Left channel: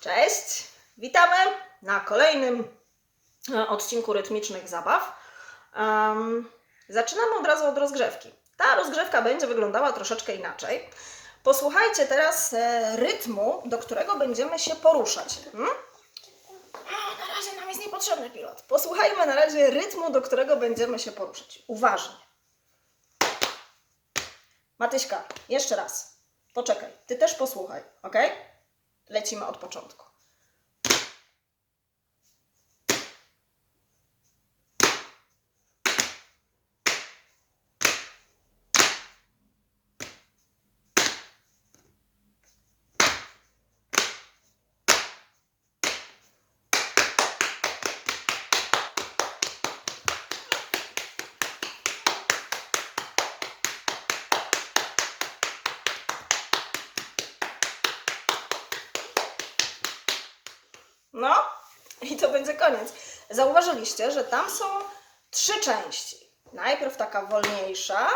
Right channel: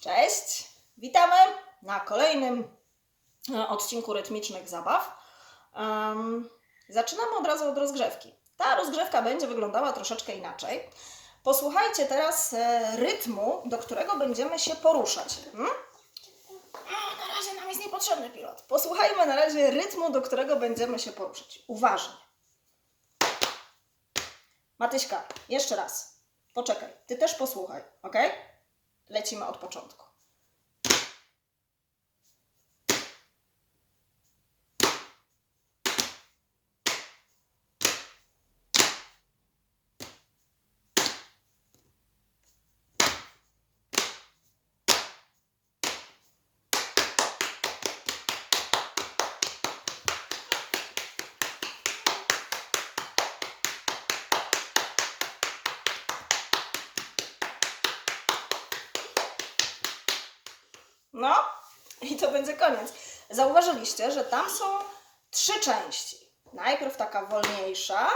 Cześć! Witamy na kolejnym e, odcinku rytmicznych zabaw. Em, zaczynamy od razu od rozgrzewki. Ta rozgrzewka będzie wyglądała troszeczkę inaczej. Posłuchajcie teraz e, rytmu, do którego będziemy się poruszać. Hmm? A, na razie nam jest niepotrzebny pilot. Posłuchajmy na razie rytmu, do którego będziemy się poruszać. Uważaj. Matyśka, jeszcze raz. Poczekaj, ty też posłuchaj, ok? Lecimy od początku. No i to będzie koniec. Zauważyliście, że tam są trzy części. Najpierw taka wolniejsza,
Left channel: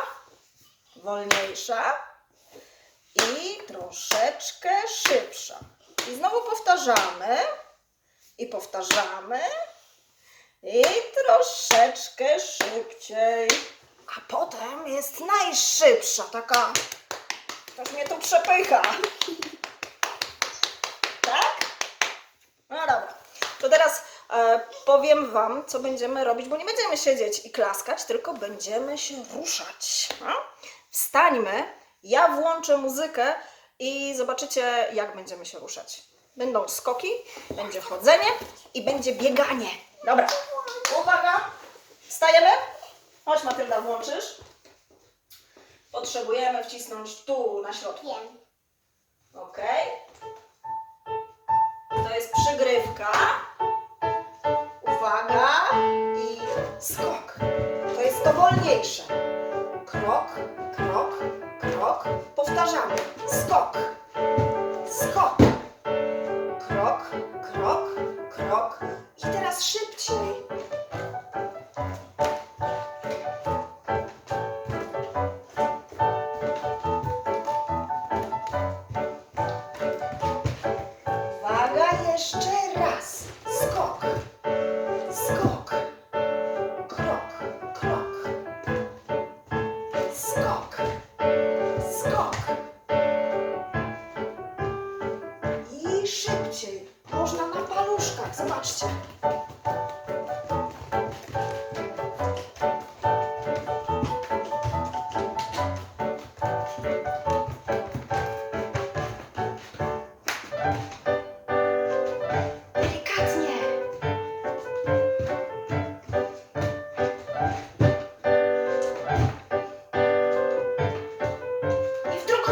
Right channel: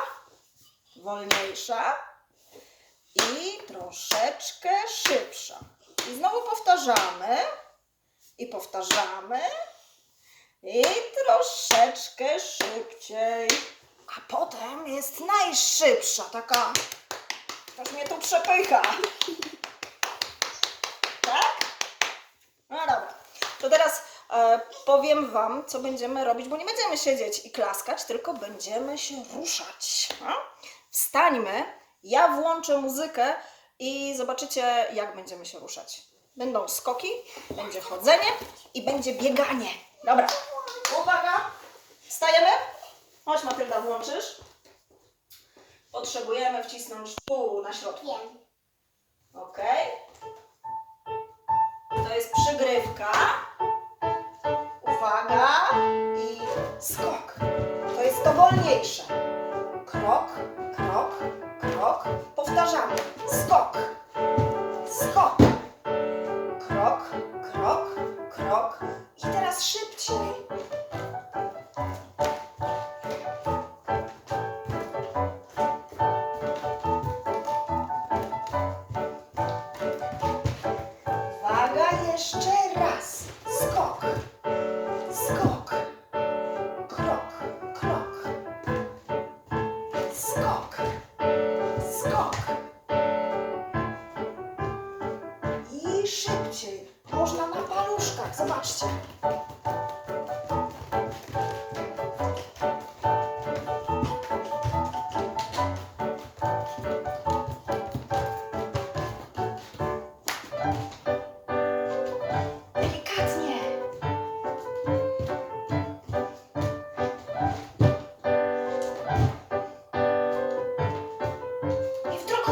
wolniejsza i troszeczkę szybsza. I znowu powtarzamy i powtarzamy i troszeczkę szybciej. A potem jest najszybsza, taka, tak mnie tu przepycha. Tak? No dobra. To teraz e, powiem Wam, co będziemy robić, bo nie będziemy siedzieć i klaskać, tylko będziemy się ruszać. No? Wstańmy, ja włączę muzykę i zobaczycie, jak będziemy się ruszać. Będą skoki, będzie chodzenie i będzie bieganie. Dobra, uwaga, wstajemy. Chodź Matylda, włączysz. Potrzebujemy wcisnąć tu na środku. Ok. To jest przygrywka. Uwaga i skok. To jest to wolniejsze. Krok, krok, krok. Powtarzamy. Skok, skok. Krok, krok, krok.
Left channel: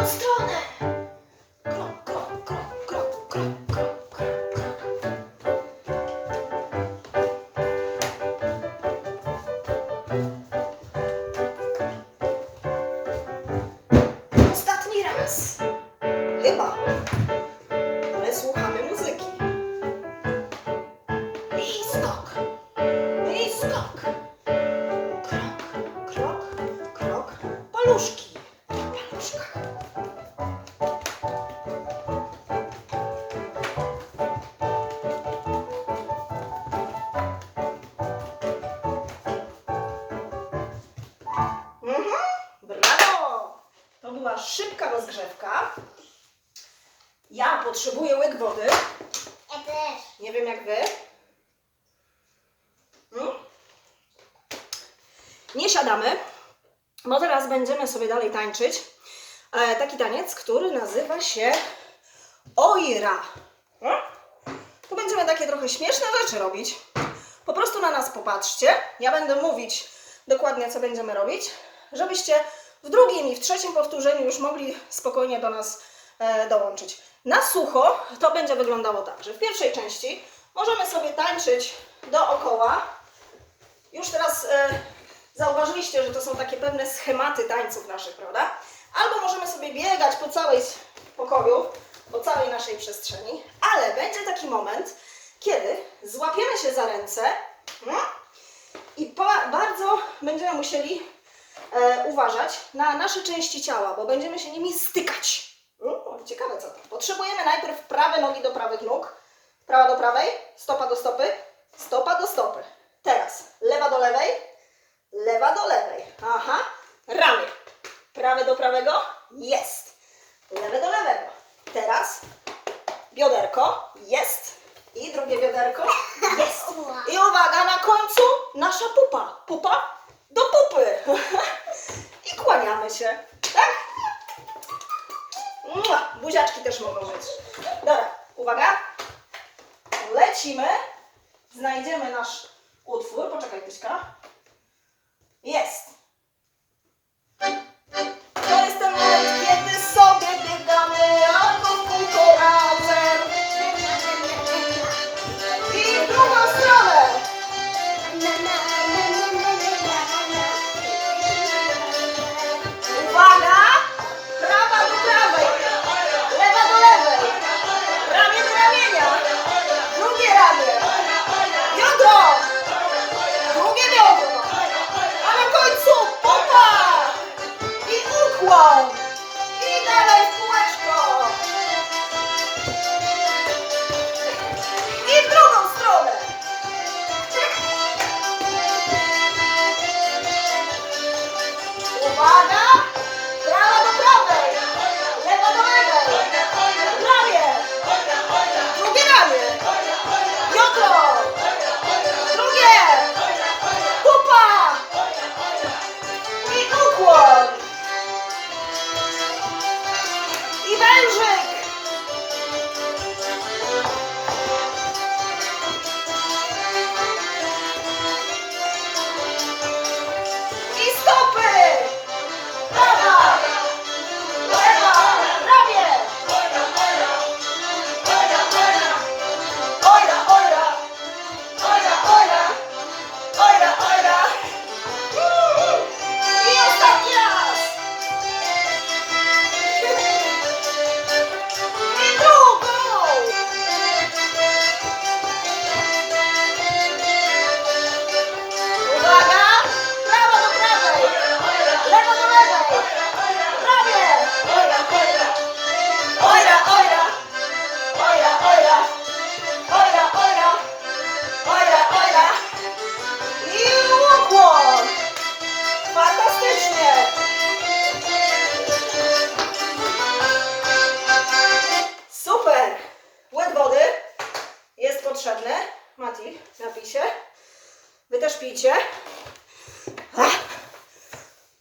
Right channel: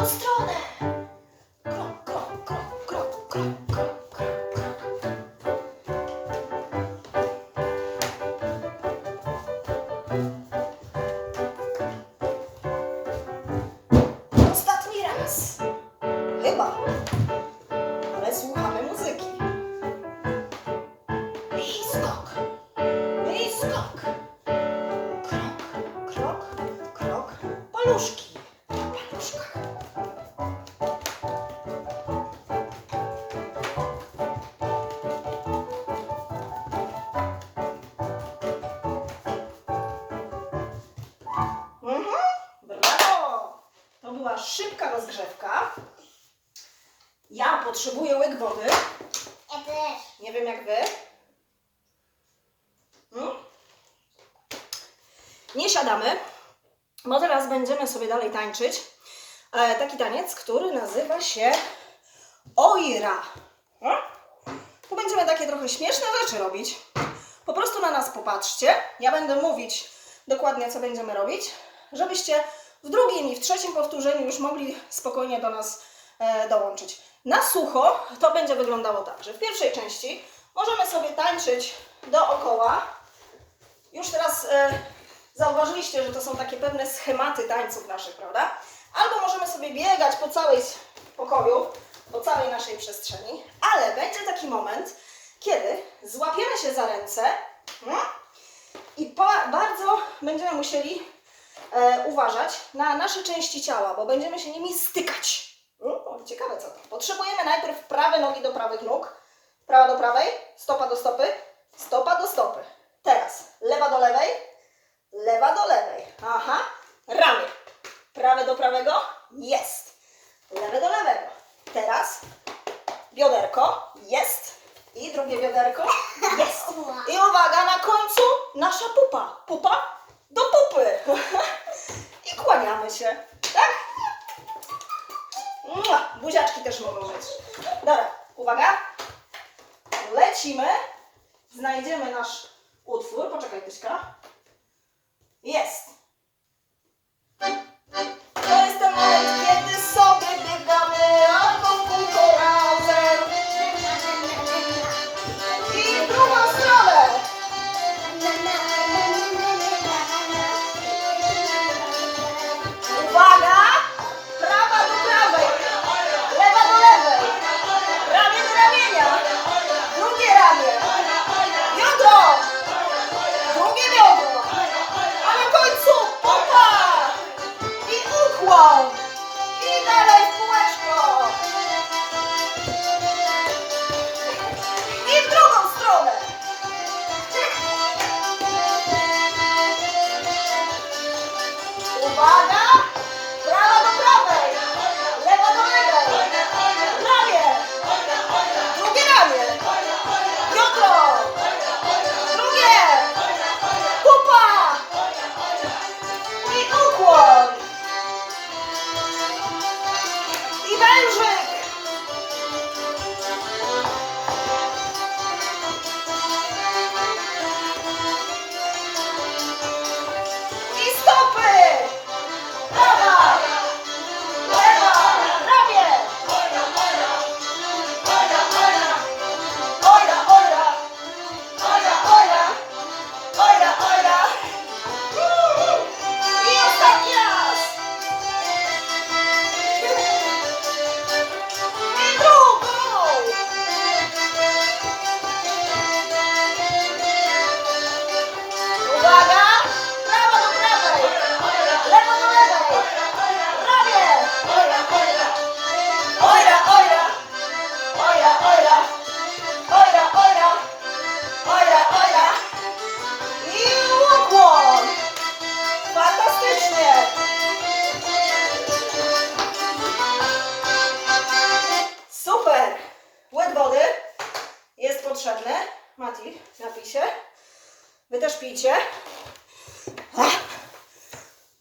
Drugą stronę. Szybka rozgrzewka. Ja potrzebuję łyk wody. Ja też. Nie wiem jak wy. Hmm? Nie siadamy, bo teraz będziemy sobie dalej tańczyć. E, taki taniec, który nazywa się Oira. No? Tu będziemy takie trochę śmieszne rzeczy robić. Po prostu na nas popatrzcie. Ja będę mówić dokładnie, co będziemy robić, żebyście w drugim i w trzecim powtórzeniu już mogli spokojnie do nas e, dołączyć. Na sucho to będzie wyglądało tak, że w pierwszej części możemy sobie tańczyć dookoła. Już teraz e, zauważyliście, że to są takie pewne schematy tańców naszych, prawda? Albo możemy sobie biegać po całej pokoju, po całej naszej przestrzeni, ale będzie taki moment, kiedy złapiemy się za ręce no, i bardzo będziemy musieli e, uważać na nasze części ciała, bo będziemy się nimi stykać. Mm, ciekawe co to. Potrzebujemy najpierw prawe nogi do prawych nóg, Prawa do prawej, stopa do stopy, stopa do stopy. Teraz lewa do lewej, lewa do lewej. Aha, ramię. Prawe do prawego, jest. Lewe do lewego. Teraz bioderko, jest. I drugie bioderko, jest. I uwaga, na końcu nasza pupa. Pupa do pupy. I kłaniamy się. Tak? Buziaczki też mogą być. Dobra, uwaga. Lecimy. Znajdziemy nasz utwór. Poczekaj, Pyśka. Jest.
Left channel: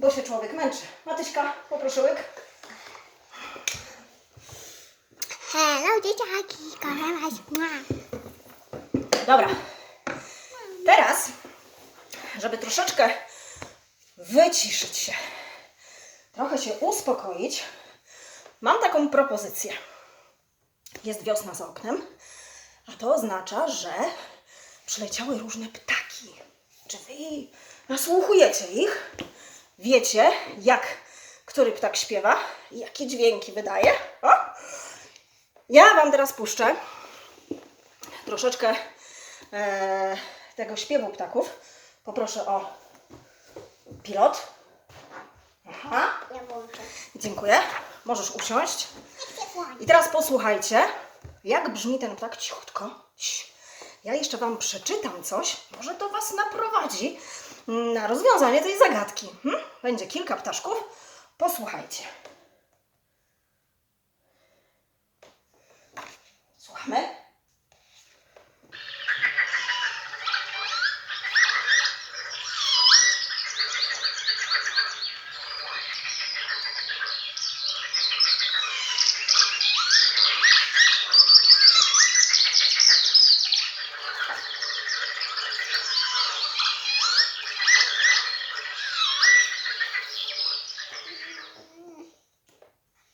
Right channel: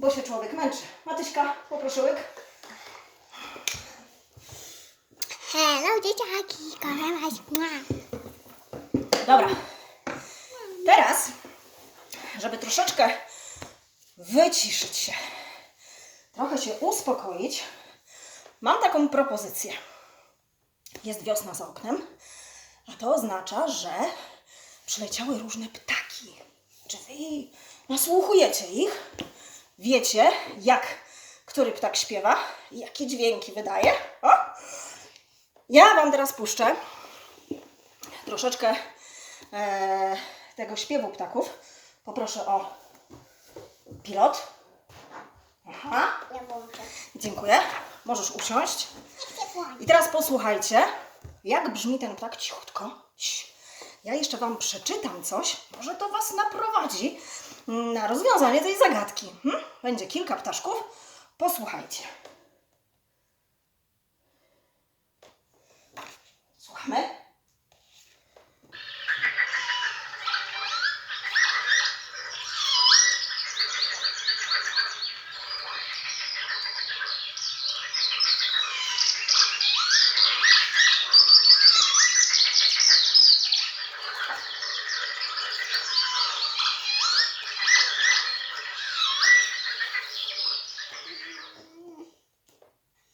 Bo się człowiek męczy. Matyśka, poproszę łyk. Hello, dzieciaki, kocham was. Dobra. Teraz, żeby troszeczkę wyciszyć się, trochę się uspokoić, mam taką propozycję. Jest wiosna za oknem, a to oznacza, że przyleciały różne ptaki. Czy wy nasłuchujecie ich? Wiecie, jak który ptak śpiewa i jakie dźwięki wydaje? O! Ja Wam teraz puszczę troszeczkę e, tego śpiewu ptaków. Poproszę o pilot. Aha, dziękuję. Możesz usiąść. I teraz posłuchajcie, jak brzmi ten ptak cichutko. Ja jeszcze Wam przeczytam coś, może to Was naprowadzi na rozwiązanie tej zagadki. Hmm? Będzie kilka ptaszków. Posłuchajcie. Słuchamy?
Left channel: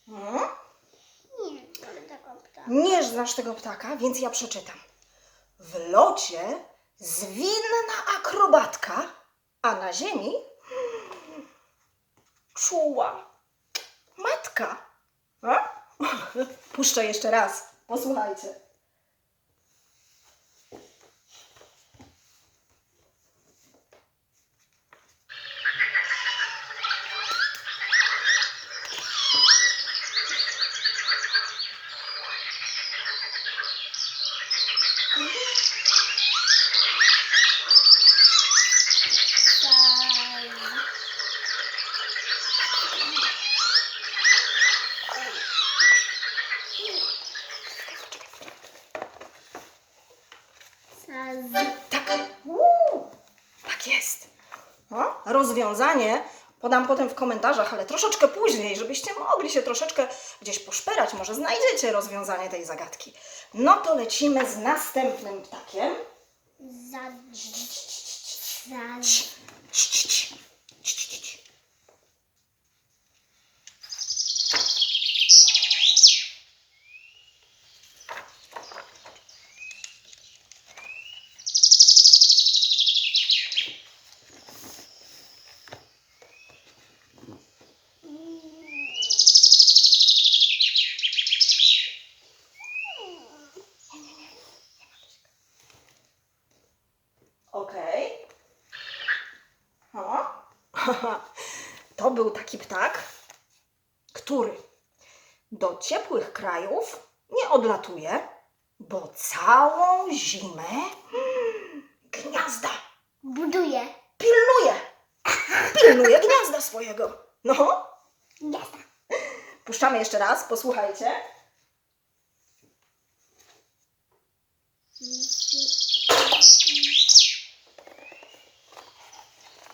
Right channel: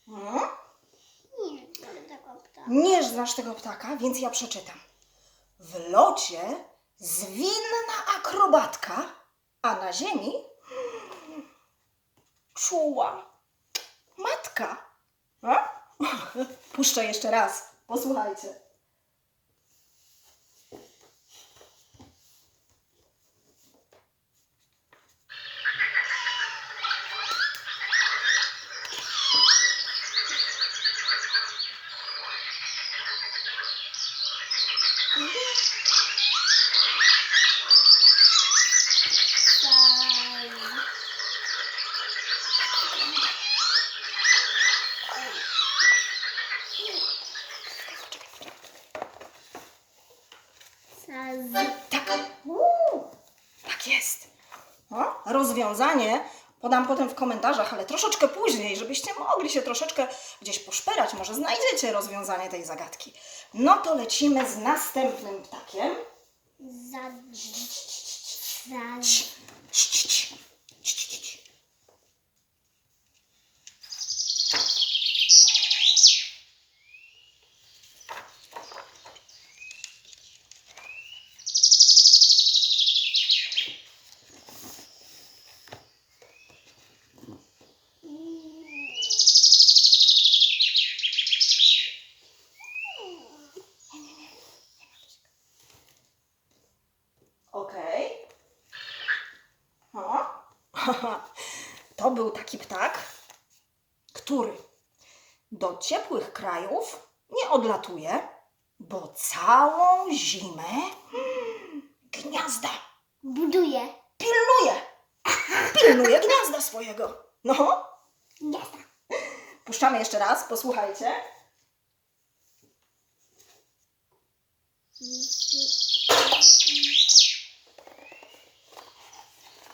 Hmm? Nie, ale taką ptakę. Nie znasz tego ptaka, więc ja przeczytam. W locie zwinna akrobatka, a na ziemi czuła matka. A? Puszczę jeszcze raz. Posłuchajcie. Tak. Uuu, tak jest. No, rozwiązanie podam potem w komentarzach, ale troszeczkę później, żebyście mogli się troszeczkę gdzieś poszperać. Może znajdziecie rozwiązanie tej zagadki. No to lecimy z następnym ptakiem. Za... Za... To był taki ptak, który do ciepłych krajów nie odlatuje, bo całą zimę gniazda Buduje. pilnuje. Pilnuje gniazda swojego. No, Jazda. puszczamy jeszcze raz, posłuchajcie.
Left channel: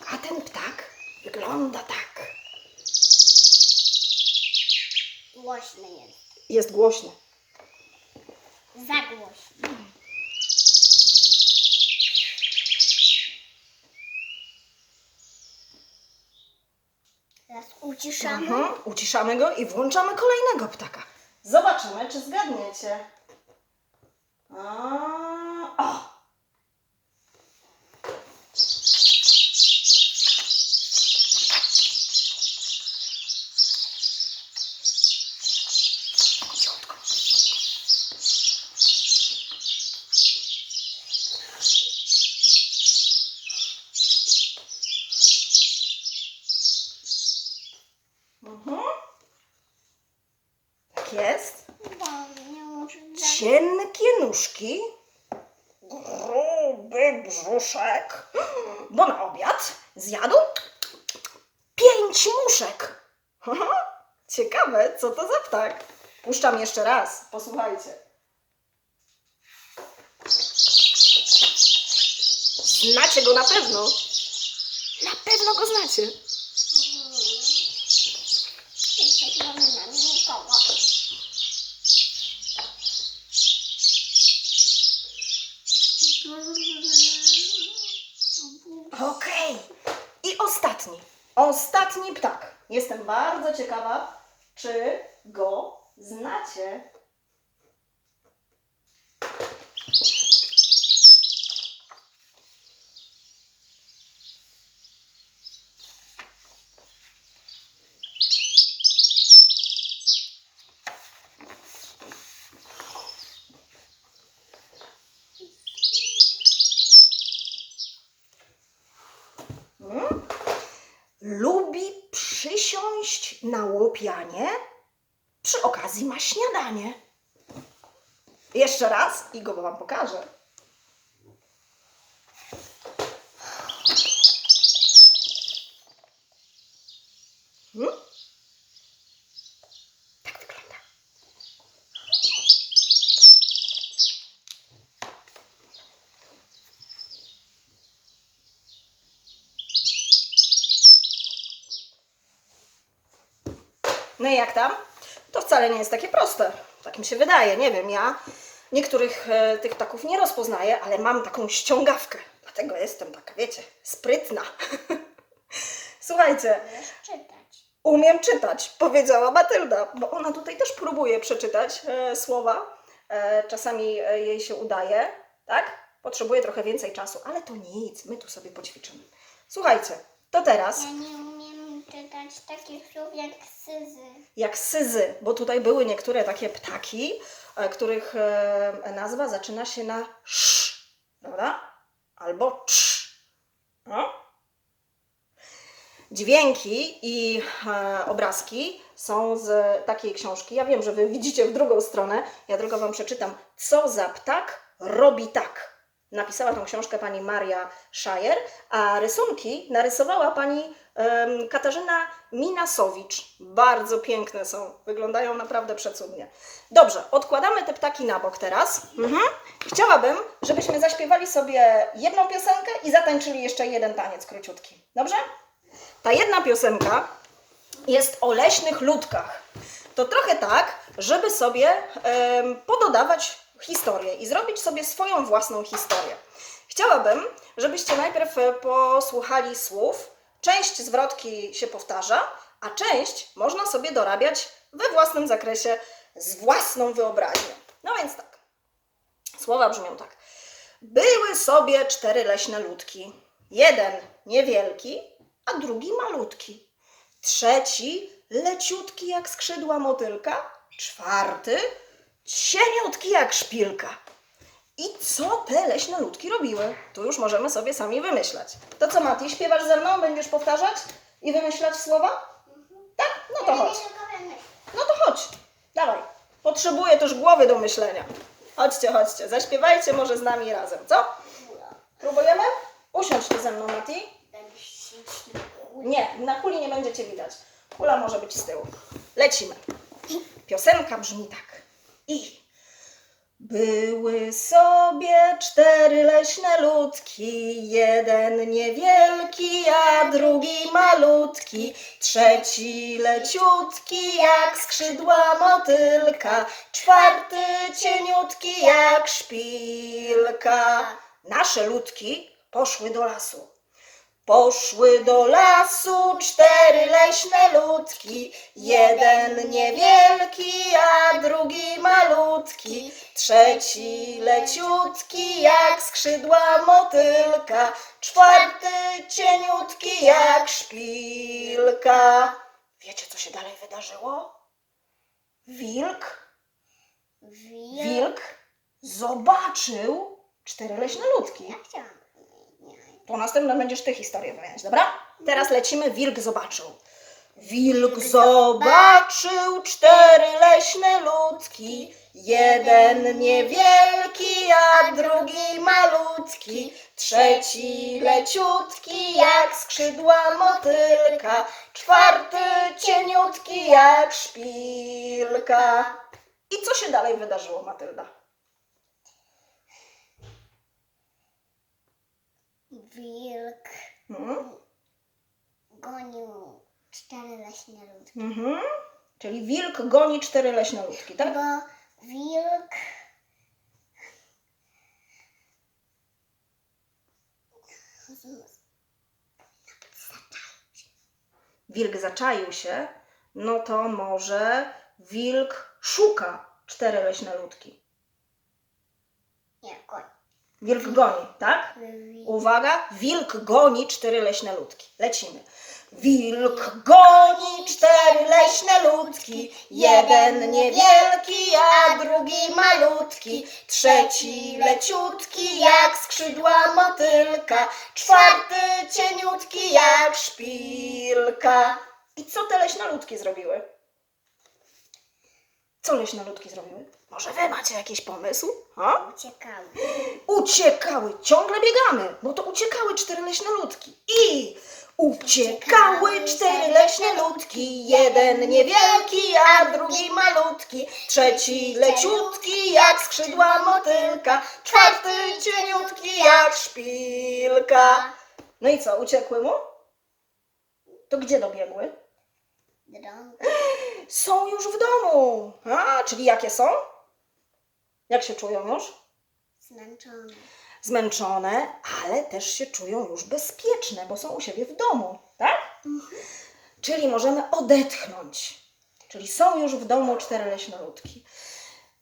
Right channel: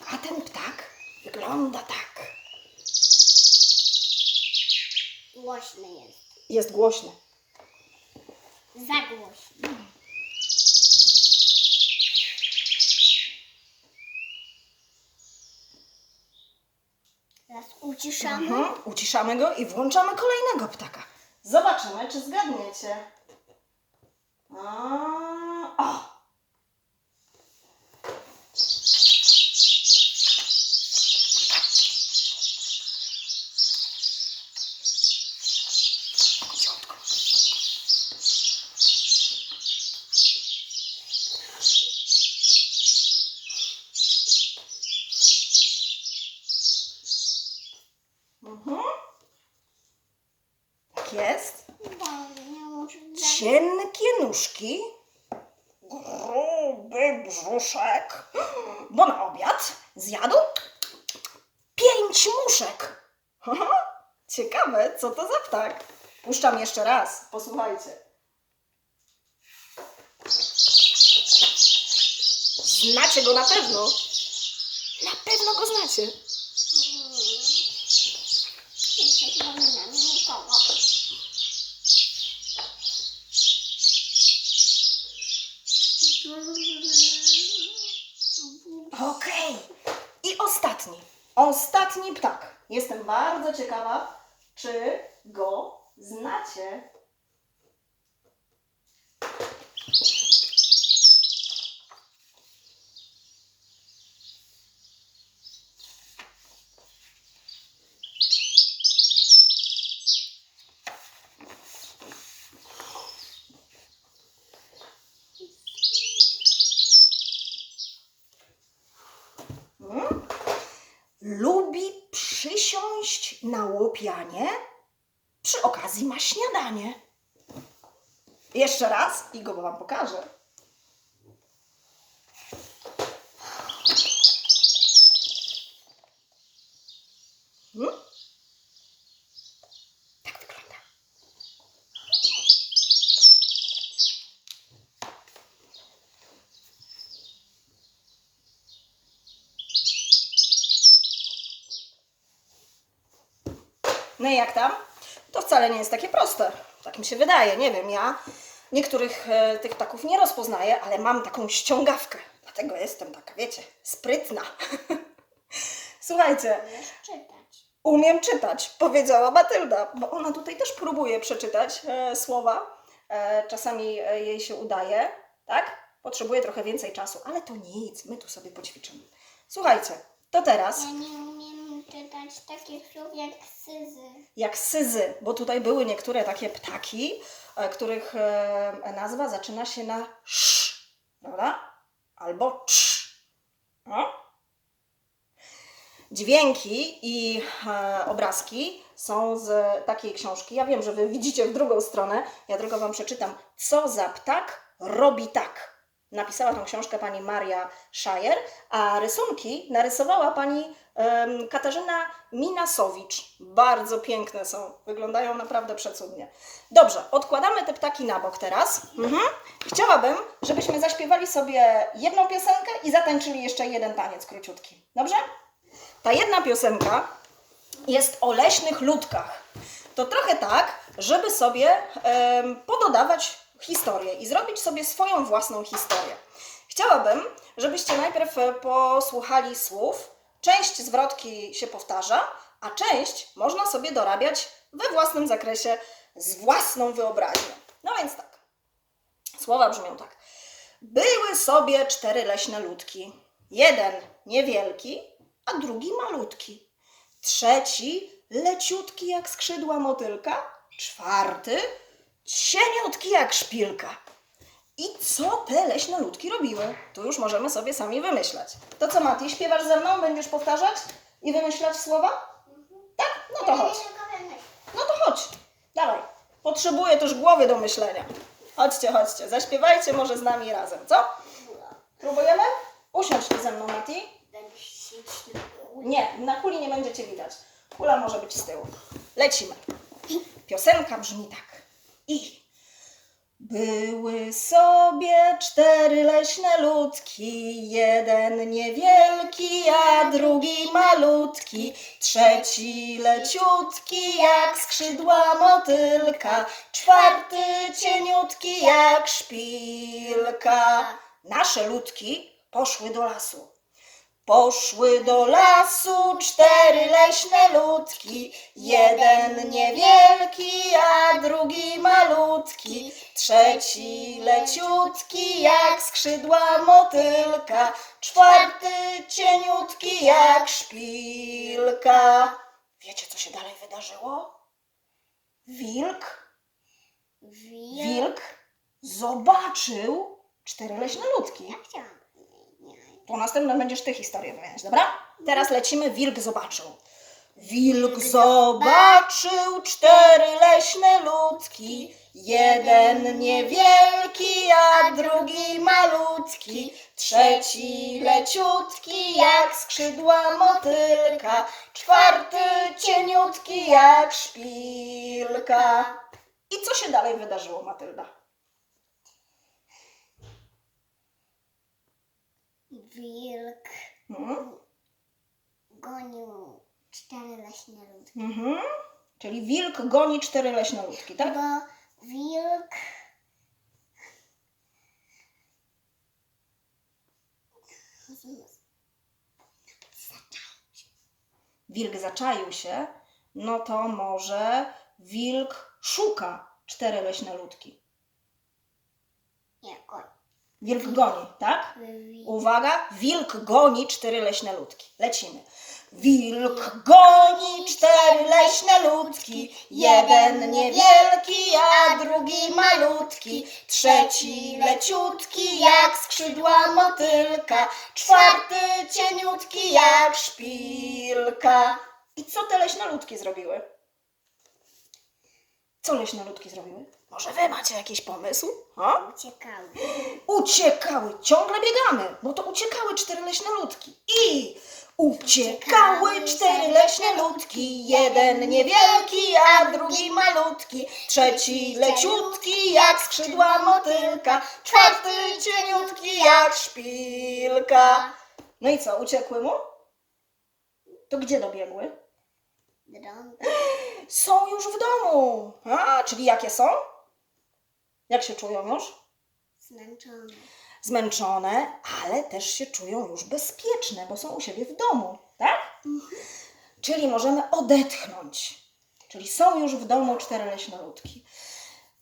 A ten wygląda tak. Głośny jest. Jest głośny. Za głośny. Teraz uciszamy. Mhm, uciszamy go i włączamy kolejnego ptaka. Zobaczymy, czy zgadniecie. A, o! Cichutko. Mhm. Tak jest. Daj, nie muszę dać. Cienkie nóżki, gruby brzuszek, bo na obiad zjadł pięć muszek. Haha, Ciekawe, co to za ptak. Puszczam jeszcze raz, posłuchajcie. Znacie go na pewno. Na pewno go znacie. Nie nikogo. Ostatni. Ptak. Jestem bardzo ciekawa, czy go znacie. Przy okazji ma śniadanie. Jeszcze raz i go wam pokażę. Jak tam? To wcale nie jest takie proste. Tak mi się wydaje. Nie wiem, ja niektórych e, tych ptaków nie rozpoznaję, ale mam taką ściągawkę. Dlatego jestem taka, wiecie, sprytna. Słuchajcie, czytać. umiem czytać, powiedziała Matylda, bo ona tutaj też próbuje przeczytać e, słowa. E, czasami e, jej się udaje, tak? Potrzebuje trochę więcej czasu, ale to nic, my tu sobie poćwiczymy. Słuchajcie, to teraz Ja nie czytać takich słów jak syzy. jak syzy, bo tutaj były niektóre takie ptaki, e, których e, nazwa zaczyna się na sz, prawda? Albo cz. No. Dźwięki i e, obrazki są z takiej książki. Ja wiem, że Wy widzicie w drugą stronę. Ja tylko Wam przeczytam. Co za ptak robi tak. Napisała tą książkę pani Maria Szajer, a rysunki narysowała pani Katarzyna Minasowicz. Bardzo piękne są, wyglądają naprawdę przecudnie. Dobrze, odkładamy te ptaki na bok teraz. Mhm. chciałabym, żebyśmy zaśpiewali sobie jedną piosenkę i zatańczyli jeszcze jeden taniec króciutki. Dobrze? Ta jedna piosenka jest o leśnych ludkach. To trochę tak, żeby sobie pododawać historię i zrobić sobie swoją własną historię. Chciałabym, żebyście najpierw e, posłuchali słów. Część zwrotki się powtarza, a część można sobie dorabiać we własnym zakresie z własną wyobraźnią. No więc tak. Słowa brzmią tak. Były sobie cztery leśne ludki. Jeden niewielki, a drugi malutki. Trzeci leciutki jak skrzydła motylka. Czwarty cieniutki jak szpilka. I co te leśne ludki robiły? Tu już możemy sobie sami wymyślać. To co, Mati, śpiewasz ze mną? Będziesz powtarzać i wymyślać słowa? Tak? No to chodź. No to chodź. Dawaj. Potrzebuję też głowy do myślenia. Chodźcie, chodźcie. Zaśpiewajcie może z nami razem, co? Próbujemy? Usiądź tu ze mną, Mati. Nie, na kuli nie będziecie widać. Kula może być z tyłu. Lecimy. Piosenka brzmi tak. I były sobie cztery leśne ludki, jeden niewielki, a drugi malutki, trzeci leciutki jak skrzydła motylka, czwarty cieniutki jak szpilka. Nasze ludki poszły do lasu. Poszły do lasu cztery leśne ludki, jeden niewielki, a drugi malutki, trzeci leciutki jak skrzydła motylka, czwarty cieniutki jak szpilka. Wiecie, co się dalej wydarzyło? Wilk, wilk zobaczył cztery leśne ludki. Po następnym będziesz ty historię wymieniać, dobra? Teraz lecimy. Wilk zobaczył. Wilk zobaczył cztery leśne ludki. Jeden niewielki, a drugi malutki. Trzeci leciutki, jak skrzydła motylka. Czwarty cieniutki, jak szpilka. I co się dalej wydarzyło, Matylda? Wilk Hmm? gonił cztery leśne ludki. Mhm. Czyli wilk goni cztery leśne ludki, tak? Bo wilk Wilk zaczaił się, no to może wilk szuka cztery leśne ludki. Wilk goni, tak? Uwaga, wilk goni cztery leśne ludki. Lecimy. Wilk goni cztery leśne ludki, jeden niewielki, a drugi malutki, trzeci leciutki jak skrzydła motylka, czwarty cieniutki jak szpilka. I co te leśne ludki zrobiły? Co leśne ludki zrobiły? Może wy macie jakiś pomysł? Ha? uciekały. Uciekały, ciągle biegamy, bo to uciekały cztery leśne ludki. I uciekały cztery leśne ludki, jeden niewielki, a drugi malutki, trzeci leciutki jak skrzydła motylka, czwarty cieniutki jak szpilka. No i co, uciekły mu? To gdzie dobiegły? Są już w domu. A, czyli jakie są? Jak się czują już? zmęczony. zmęczone, ale też się czują już bezpieczne, bo są u siebie w domu, tak? Czyli możemy odetchnąć. Czyli są już w domu cztery leśne ludki.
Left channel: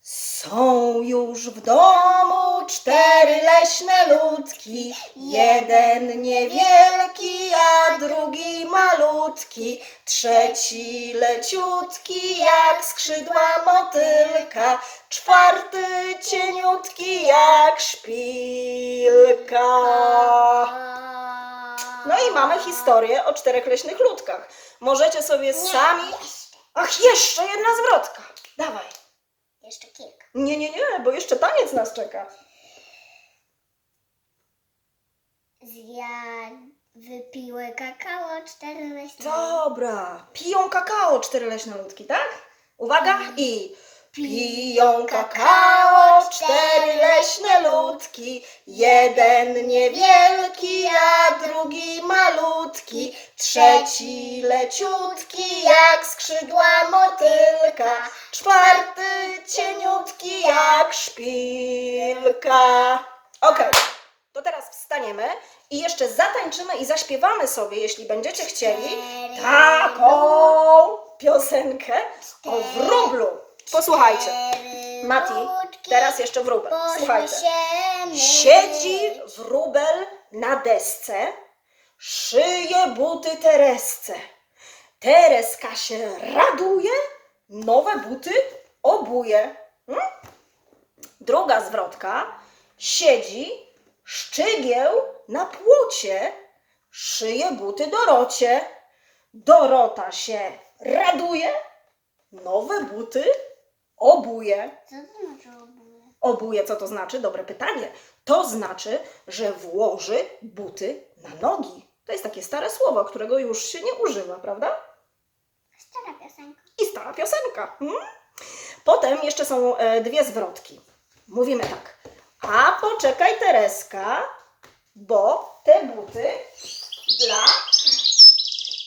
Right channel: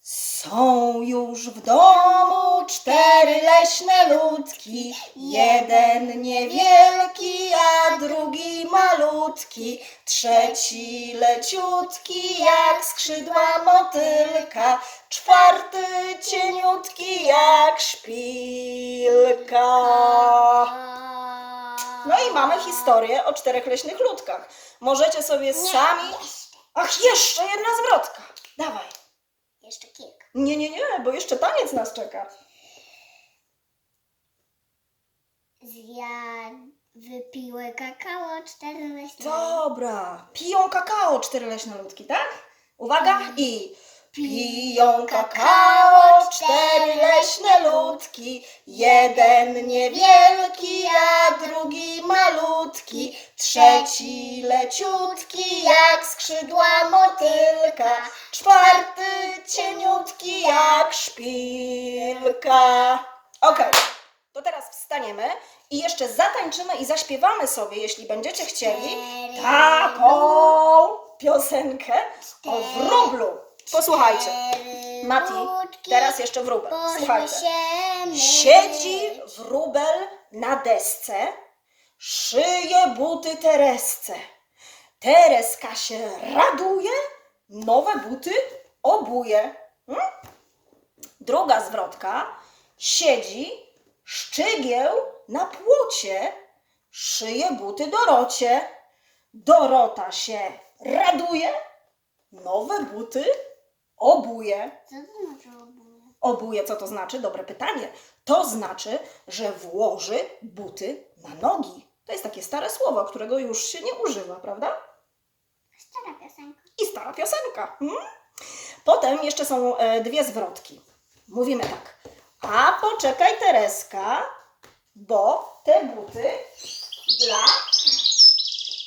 Są już w domu cztery leśne ludki, jeden niewielki, a drugi malutki, trzeci leciutki jak skrzydła motylka, czwarty cieniutki jak szpilka. No i mamy historię o czterech leśnych ludkach. Możecie sobie sami. Ach, jeszcze jedna zwrotka. Dawaj. Jeszcze kilka. Nie, nie, nie, bo jeszcze taniec nas czeka. Zja... Wypiły kakao cztery leśne Dobra. Piją kakao cztery leśne ludki, tak? Uwaga i piją kakao cztery leśne ludki. Jeden niewielki, a drugi malutki. Trzeci leciutki, jak skrzydła motylka. Czwarty cieniutki, jak szpilka. Okej, to teraz wstaniemy i jeszcze zatańczymy i zaśpiewamy sobie, jeśli będziecie chcieli, taką piosenkę o wróblu. Posłuchajcie. Mati, teraz jeszcze wróbel. Słuchajcie. Siedzi wróbel na desce, szyje buty Teresce. Tereska się raduje, nowe buty obuje. Hmm? Druga zwrotka. Siedzi szczygieł na płocie, szyje buty Dorocie. Dorota się raduje, nowe buty obuje. Co to znaczy obóz? Obuje, co to znaczy? Dobre pytanie. To znaczy, że włoży buty na nogi. To jest takie stare słowo, którego już się nie używa, prawda? Stara piosenka. I stara piosenka. Hmm? Potem jeszcze są e, dwie zwrotki. Mówimy tak. A poczekaj Tereska, bo te buty dla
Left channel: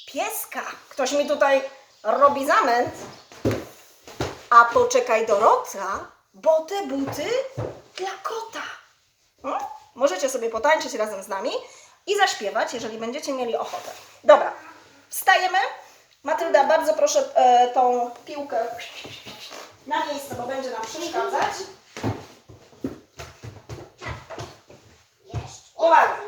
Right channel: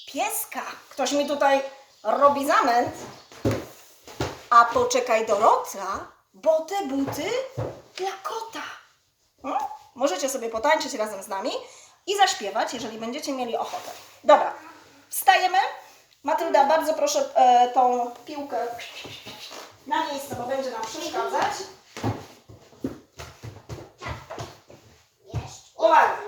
pieska. Ktoś mi tutaj robi zamęt. A poczekaj Dorota, bo te buty dla kota. Hmm? Możecie sobie potańczyć razem z nami i zaśpiewać, jeżeli będziecie mieli ochotę. Dobra, wstajemy. Matylda, bardzo proszę e, tą piłkę na miejsce, bo będzie nam przeszkadzać. Uwaga.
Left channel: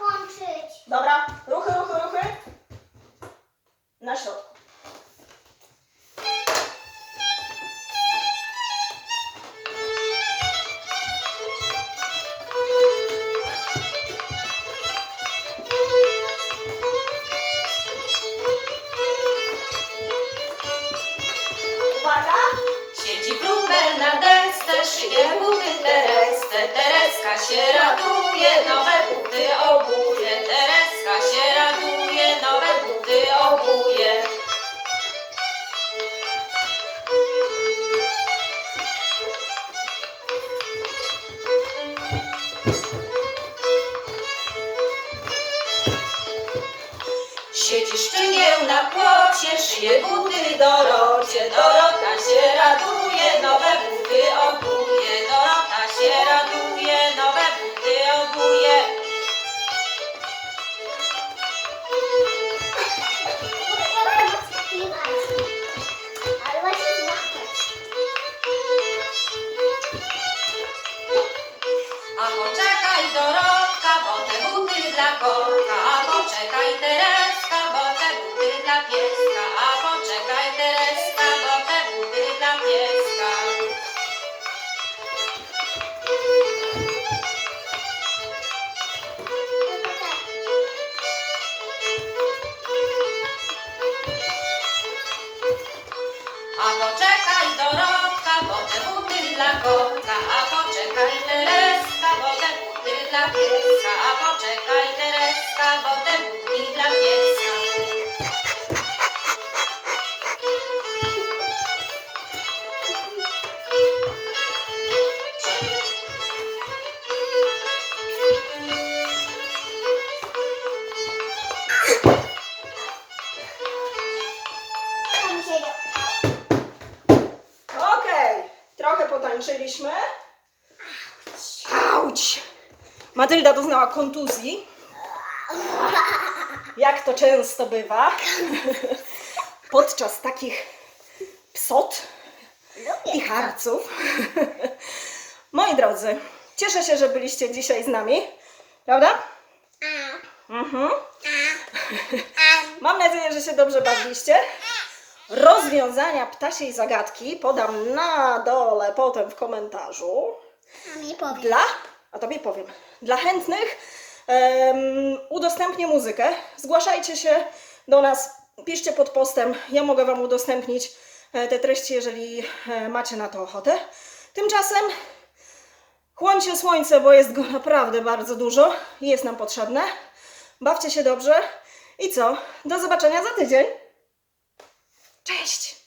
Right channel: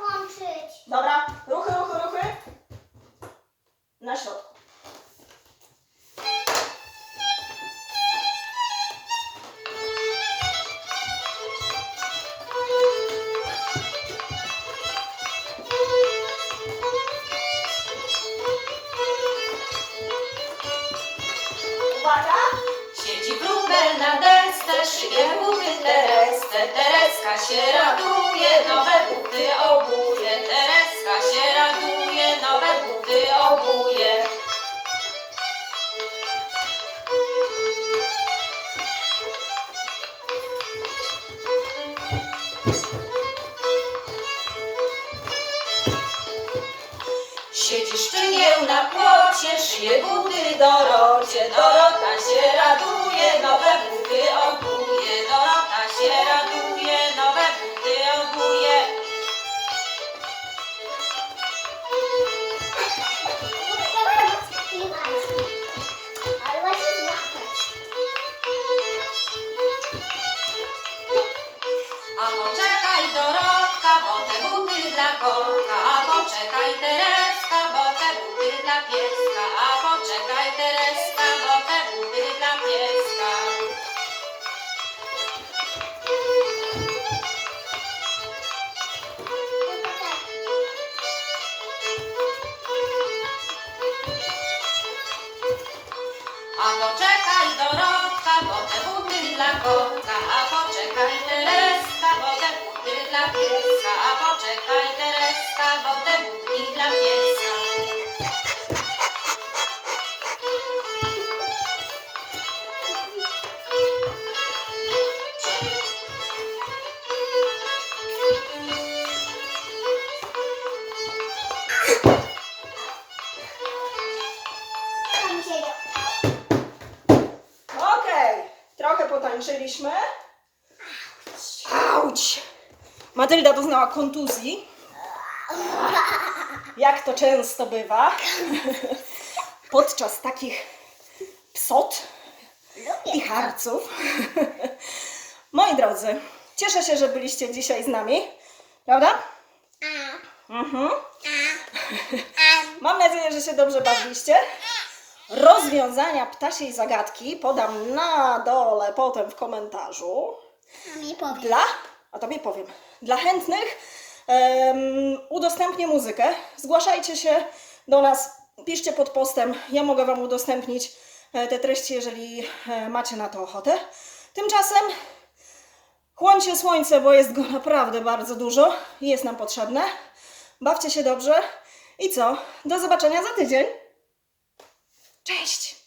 Siedzi szczygieł na płocie, szyje buty Dorocie. Dorota się raduje, nowe buty obuje. Dorota się raduje, nowe buty złapać. A poczekaj Dorotka, bo te buty dla kotka. A poczekaj Tereska, buty dla pieska. A poczekaj Tereska, bo te buty dla pieska. A poczekaj Dorotka, bo te buty dla kotka. A poczekaj Tereska, bo te buty dla pieska. A poczekaj Tereska, bo te buty dla pieska. Matylda doznała kontuzji. Jak to często bywa podczas takich psot i harców. Moi drodzy, cieszę się, że byliście dzisiaj z nami, prawda? Mhm. Mam nadzieję, że się dobrze bawiliście. Rozwiązania ptasiej zagadki podam na dole potem w komentarzu. Dla, a tobie powiem, dla chętnych em, udostępnię muzykę. Zgłaszajcie się do nas, piszcie pod postem. Ja mogę Wam udostępnić e, te treści, jeżeli e, macie na to ochotę. Tymczasem chłońcie słońce, bo jest go naprawdę bardzo dużo i jest nam potrzebne. Bawcie się dobrze i co? Do zobaczenia za tydzień. Cześć!